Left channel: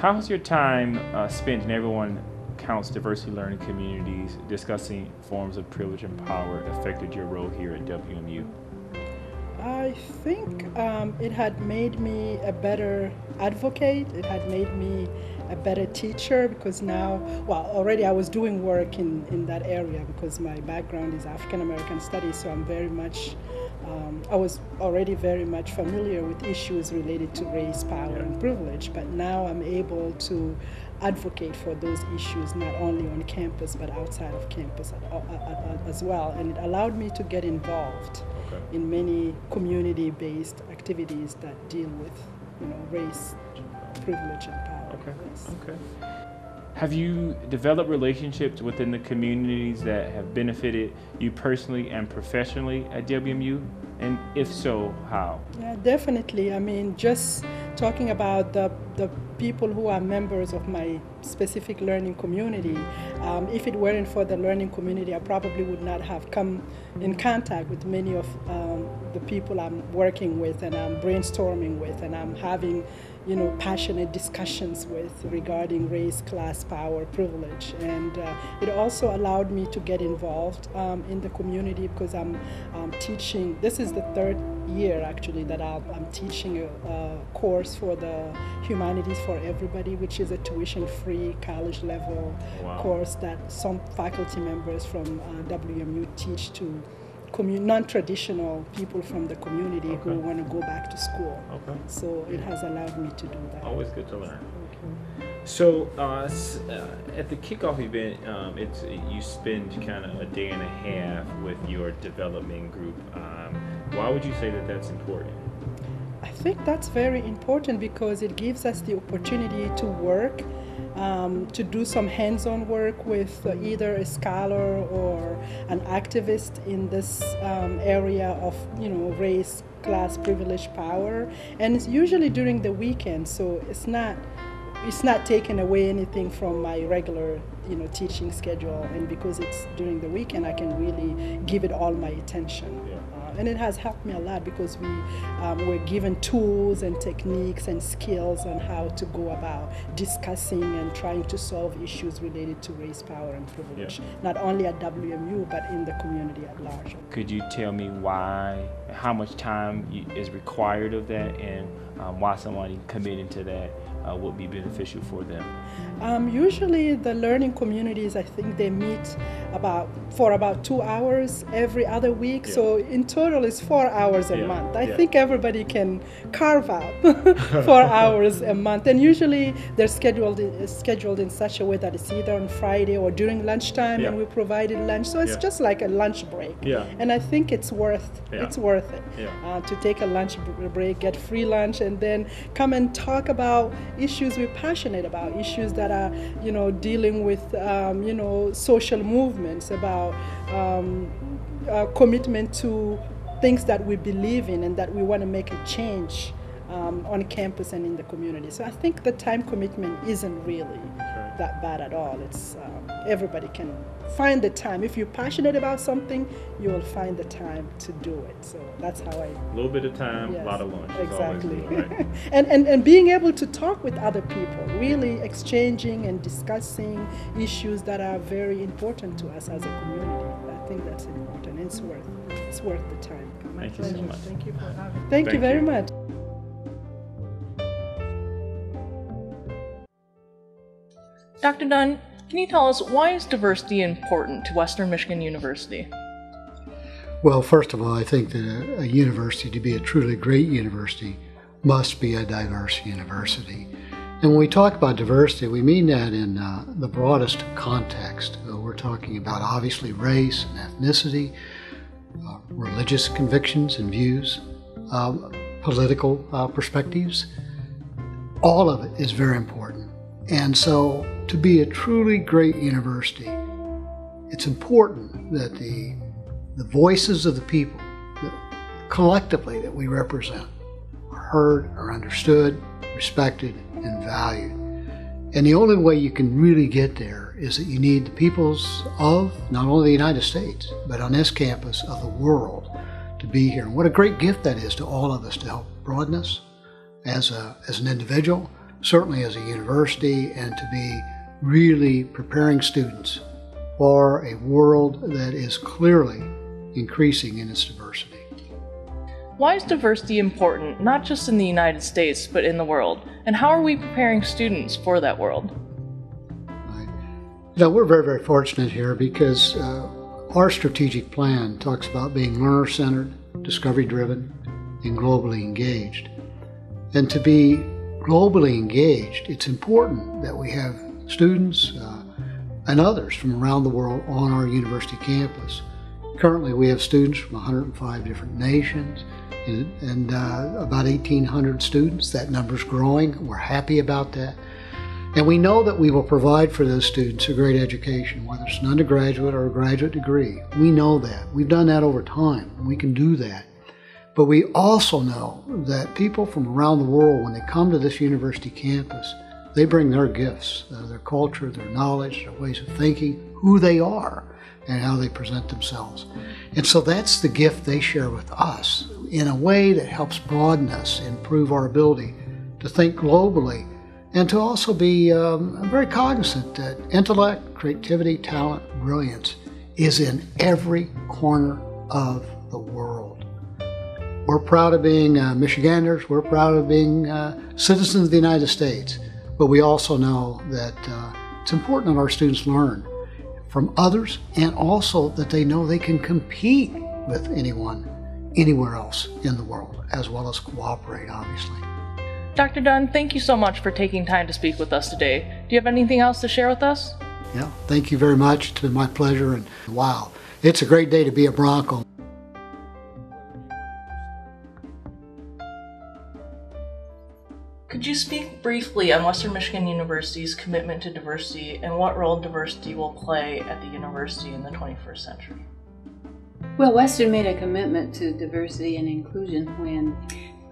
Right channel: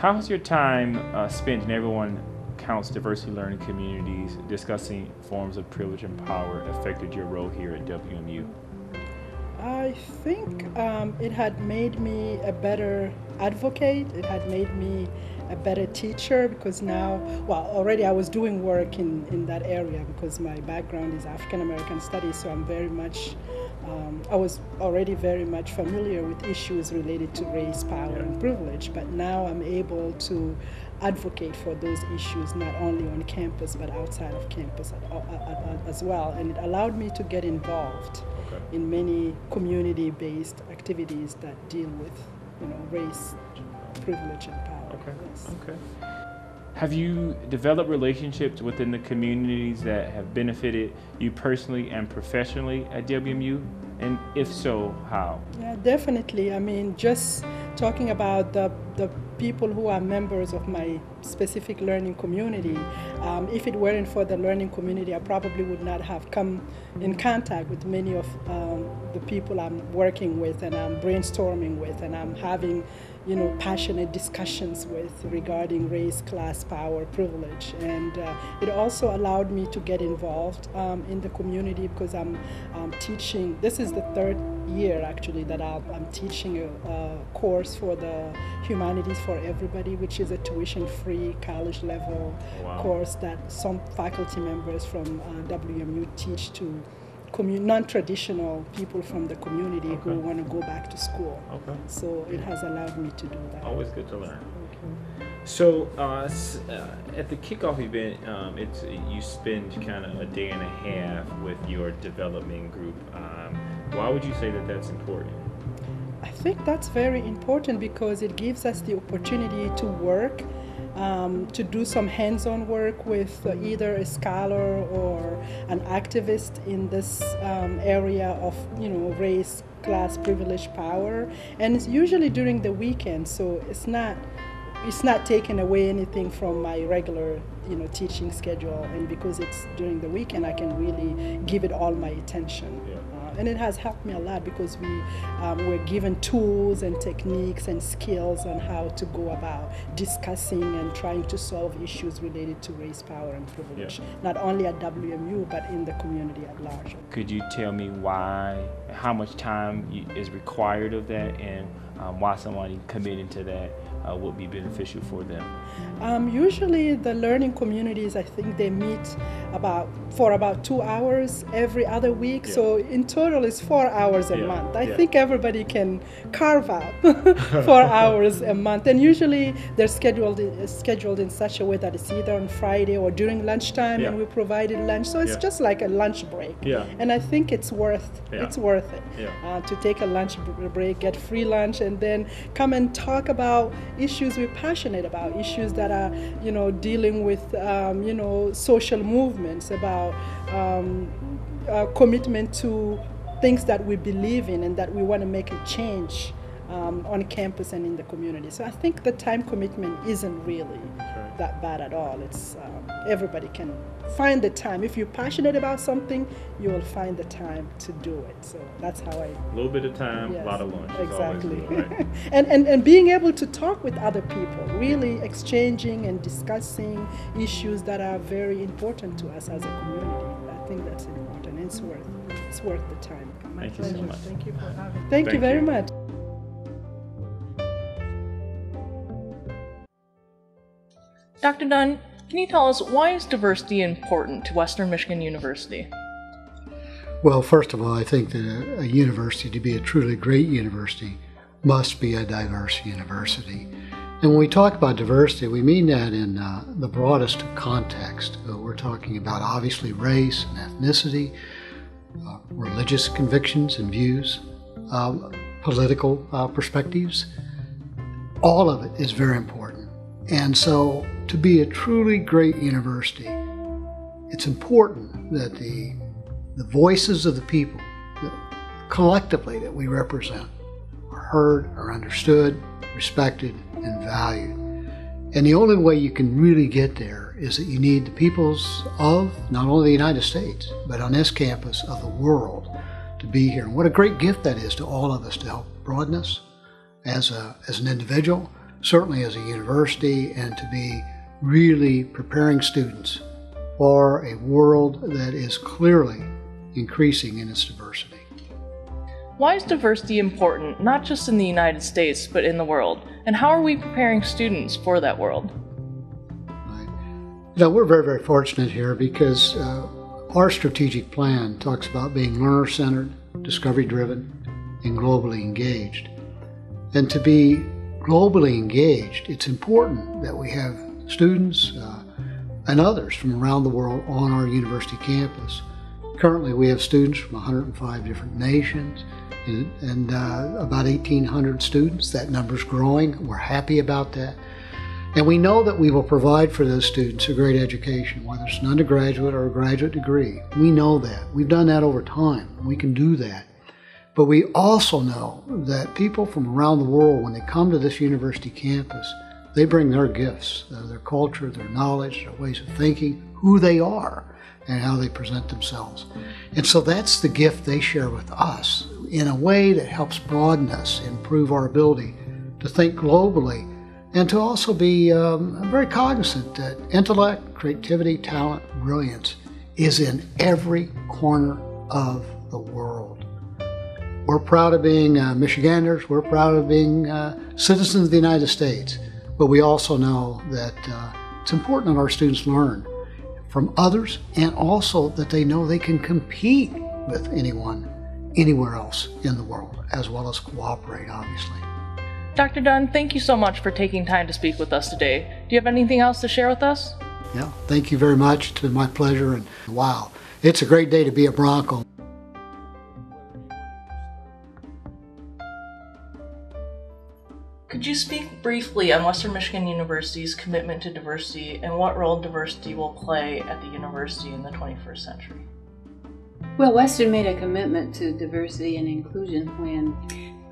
How has your time spent in Everyone Counts Diversity Learning Communities discussing forms of privilege and power affected your role here at WMU? I think it had made me a better advocate. It had made me a better teacher because now, well, already I was doing work in that area because my background is African American studies, so I'm very much, I was already very much familiar with issues related to race, power, and privilege, but now I'm able to advocate for those issues not only on campus but outside of campus as well, and it allowed me to get involved in many community-based activities that deal with, race, privilege, and power. Okay. Have you developed relationships within the communities that have benefited you personally and professionally at WMU? And if so, how? Yeah, definitely. I mean, just talking about the people who are members of my specific learning community, if it weren't for the learning community, I probably would not have come in contact with many of the people I'm working with and I'm brainstorming with and I'm having passionate discussions with regarding race, class, power, privilege. And it also allowed me to get involved in the community because I'm teaching, this is the third year actually that I'm teaching a course for the Humanities for Everybody, which is a tuition-free college level course that some faculty members from WMU teach to non-traditional people from the community who want to go back to school. So it has allowed me to do that. Always good to learn. So at the kickoff event, you spend kind of a day and a half with your development group. Why would you say that that's important? I think that's very important because it gives us the opportunity to work, to do some hands-on work with either a scholar or an activist in this area of race, class, privilege, power, and it's usually during the weekend, so it's not taking away anything from my regular teaching schedule, and because it's during the weekend I can really give it all my attention. And it has helped me a lot because we were given tools and techniques and skills on how to go about discussing and trying to solve issues related to race, power, and privilege, not only at WMU but in the community at large. Could you tell me how much time is required of that, and why somebody committing to that would be beneficial for them? Usually the learning communities, I think they meet for about 2 hours every other week, so in total it's 4 hours a month. I think everybody can carve out 4 hours a month, and usually they're scheduled in such a way that it's either on Friday or during lunchtime, and we provided lunch, so it's just like a lunch break. And I think it's worth it to take a lunch break, get free lunch, and then come and talk about issues we're passionate about, issues that are dealing with social movements, about commitment to things that we believe in and that we want to make a change on campus and in the community. So I think the time commitment isn't really that bad at all. It's everybody can find the time. If you're passionate about something, you will find the time to do it. So that's how a little bit of time, a lot of lunch. Exactly. Right? and being able to talk with other people, really exchanging and discussing issues that are very important to us as a community. I think that's important. It's worth the time. Thank you so much. Thank you for having me. Thank you very much. Dr. Dunn, can you tell us why is diversity important to Western Michigan University? Well, first of all, I think that a university, to be a truly great university, must be a diverse university. And when we talk about diversity, we mean that in the broadest context. We're talking about obviously race and ethnicity, religious convictions and views, political perspectives. All of it is very important. And so to be a truly great university, it's important that the voices of the people collectively that we represent are heard, are understood, respected, and valued. And the only way you can really get there is that you need the peoples of not only the United States, but on this campus of the world to be here. And what a great gift that is to all of us to help broaden us as an individual, certainly as a university, and to be really preparing students for a world that is clearly increasing in its diversity. Why is diversity important, not just in the United States, but in the world? And how are we preparing students for that world? We're very, very fortunate here because our strategic plan talks about being learner-centered, discovery-driven, and globally engaged. And to be globally engaged, it's important that we have students and others from around the world on our university campus. Currently, we have students from 105 different nations and about 1,800 students. That number's growing. We're happy about that. And we know that we will provide for those students a great education, whether it's an undergraduate or a graduate degree. We know that. We've done that over time, and we can do that. But we also know that people from around the world, when they come to this university campus, they bring their gifts, their culture, their knowledge, their ways of thinking, who they are, and how they present themselves. And so that's the gift they share with us in a way that helps broaden us, improve our ability to think globally, and to also be very cognizant that intellect, creativity, talent, brilliance is in every corner of the world. We're proud of being Michiganders. We're proud of being citizens of the United States. But we also know that it's important that our students learn from others, and also that they know they can compete with anyone, anywhere else in the world, as well as cooperate, obviously. Dr. Dunn, thank you so much for taking time to speak with us today. Do you have anything else to share with us? Yeah, thank you very much. It's been my pleasure, and wow, it's a great day to be a Bronco. Could you speak briefly on Western Michigan University's commitment to diversity and what role diversity will play at the university in the 21st century? Well, Western made a commitment to diversity and inclusion when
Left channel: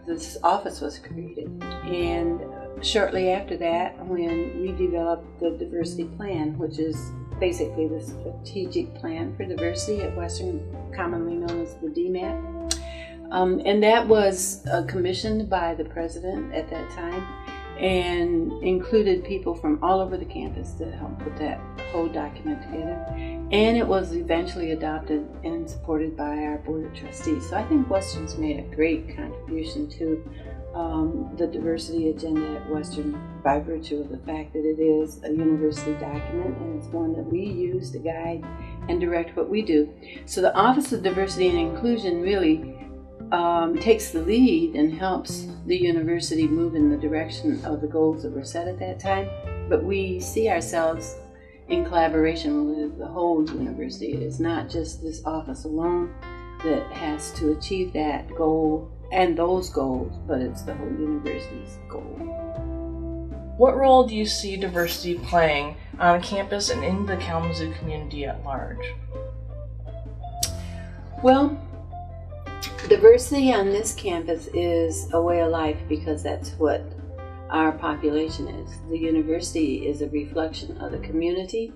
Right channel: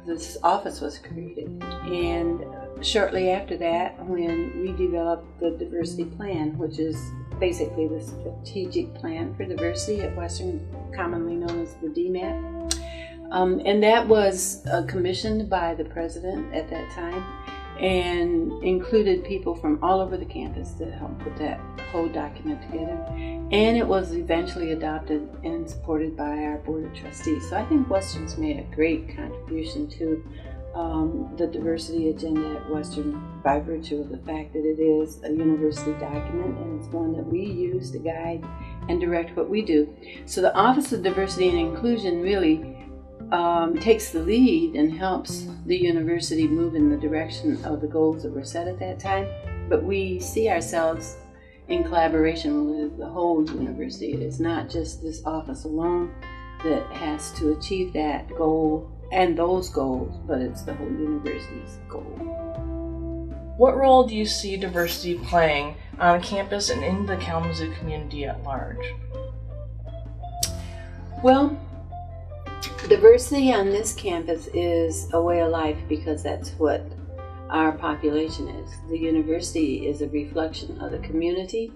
this office was created. And shortly after that, when we developed the diversity plan, which is basically the strategic plan for diversity at Western, commonly known as the DMAP. And that was commissioned by the president at that time and included people from all over the campus to help put that whole document together. And it was eventually adopted and supported by our Board of Trustees. So I think Western's made a great contribution to the diversity agenda at Western by virtue of the fact that it is a university document and it's one that we use to guide and direct what we do. So the Office of Diversity and Inclusion really takes the lead and helps the university move in the direction of the goals that were set at that time. But we see ourselves in collaboration with the whole university. It is not just this office alone that has to achieve that goal and those goals, but it's the whole university's goal. What role do you see diversity playing on campus and in the Kalamazoo community at large? Well, diversity on this campus is a way of life because that's what our population is. The university is a reflection of the community.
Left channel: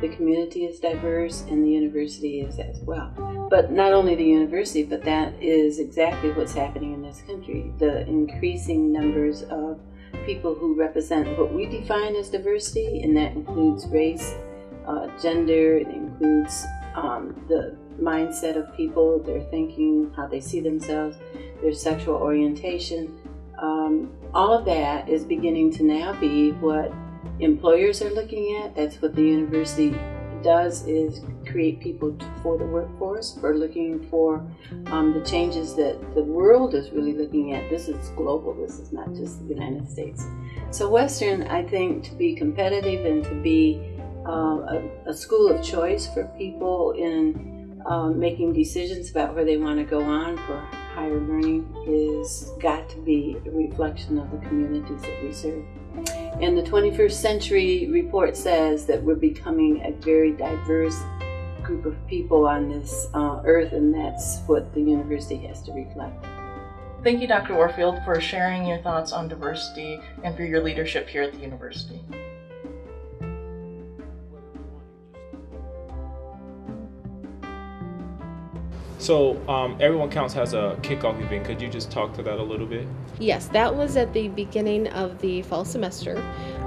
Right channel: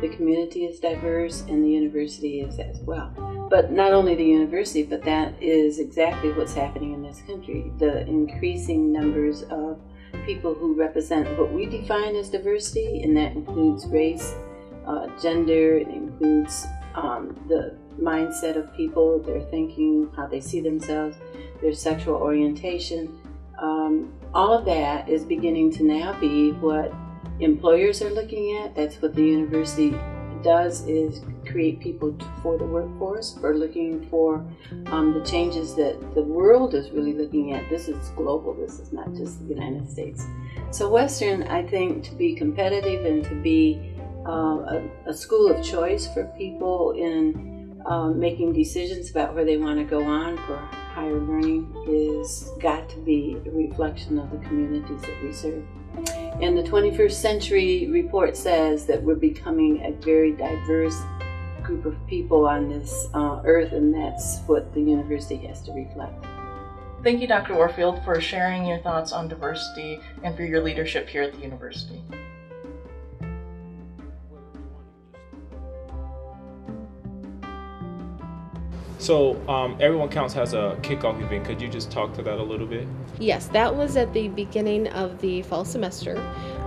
The community is diverse and the university is as well. But not only the university, but that is exactly what's happening in this country. The increasing numbers of people who represent what we define as diversity, and that includes race, gender, it includes the mindset of people, their thinking, how they see themselves, their sexual orientation. All of that is beginning to now be what employers are looking at. That's what the university does, is create people for the workforce. We're looking for the changes that the world is really looking at. This is global. This is not just the United States. So Western, I think, to be competitive and to be a school of choice for people in making decisions about where they want to go on for higher learning is got to be a reflection of the communities that we serve. And the 21st Century Report says that we're becoming a very diverse group of people on this earth, and that's what the university has to reflect. Thank you, Dr. Warfield, for sharing your thoughts on diversity and for your leadership here at the university. So Everyone Counts has a kickoff event. Could you just talk to that a little bit? Yes, that was at the beginning of the fall semester.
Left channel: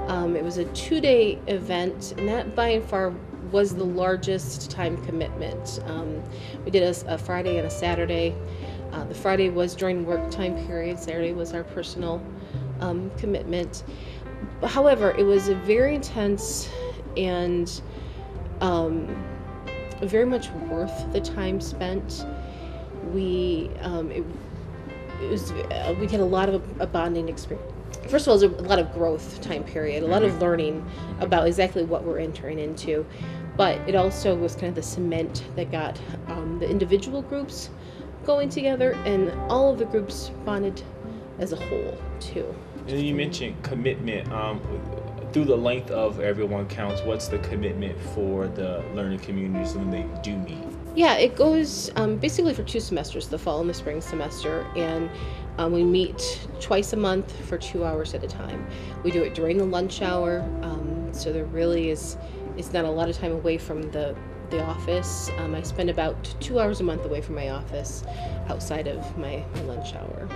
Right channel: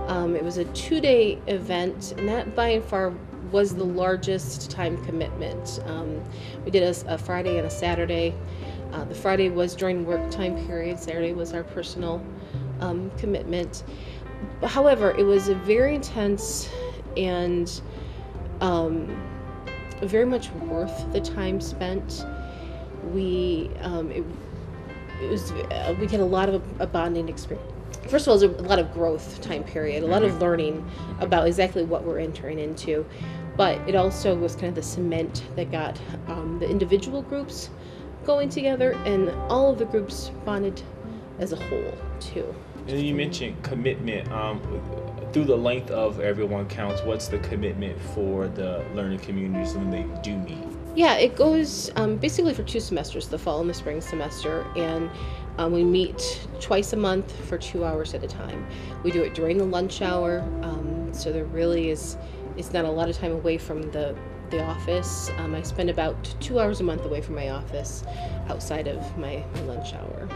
It was a 2-day event, and that by and far was the largest time commitment. We did a Friday and a Saturday. The Friday was during work time period. Saturday was our personal commitment. However, it was a very intense and very much worth the time spent. We had a lot of a bonding experience. First of all, it was a lot of growth time period, a lot of learning about exactly what we're entering into. But it also was kind of the cement that got the individual groups going together, and all of the groups bonded as a whole too. And you mentioned commitment. Through the length of Everyone Counts, what's the commitment for the learning communities when they do meet? Yeah, it goes basically for 2 semesters, the fall and the spring semester, and we meet twice a month for 2 hours at a time. We do it during the lunch hour, so there really is not a lot of time away from the office. I spend about 2 hours a month away from my office outside of my lunch hour.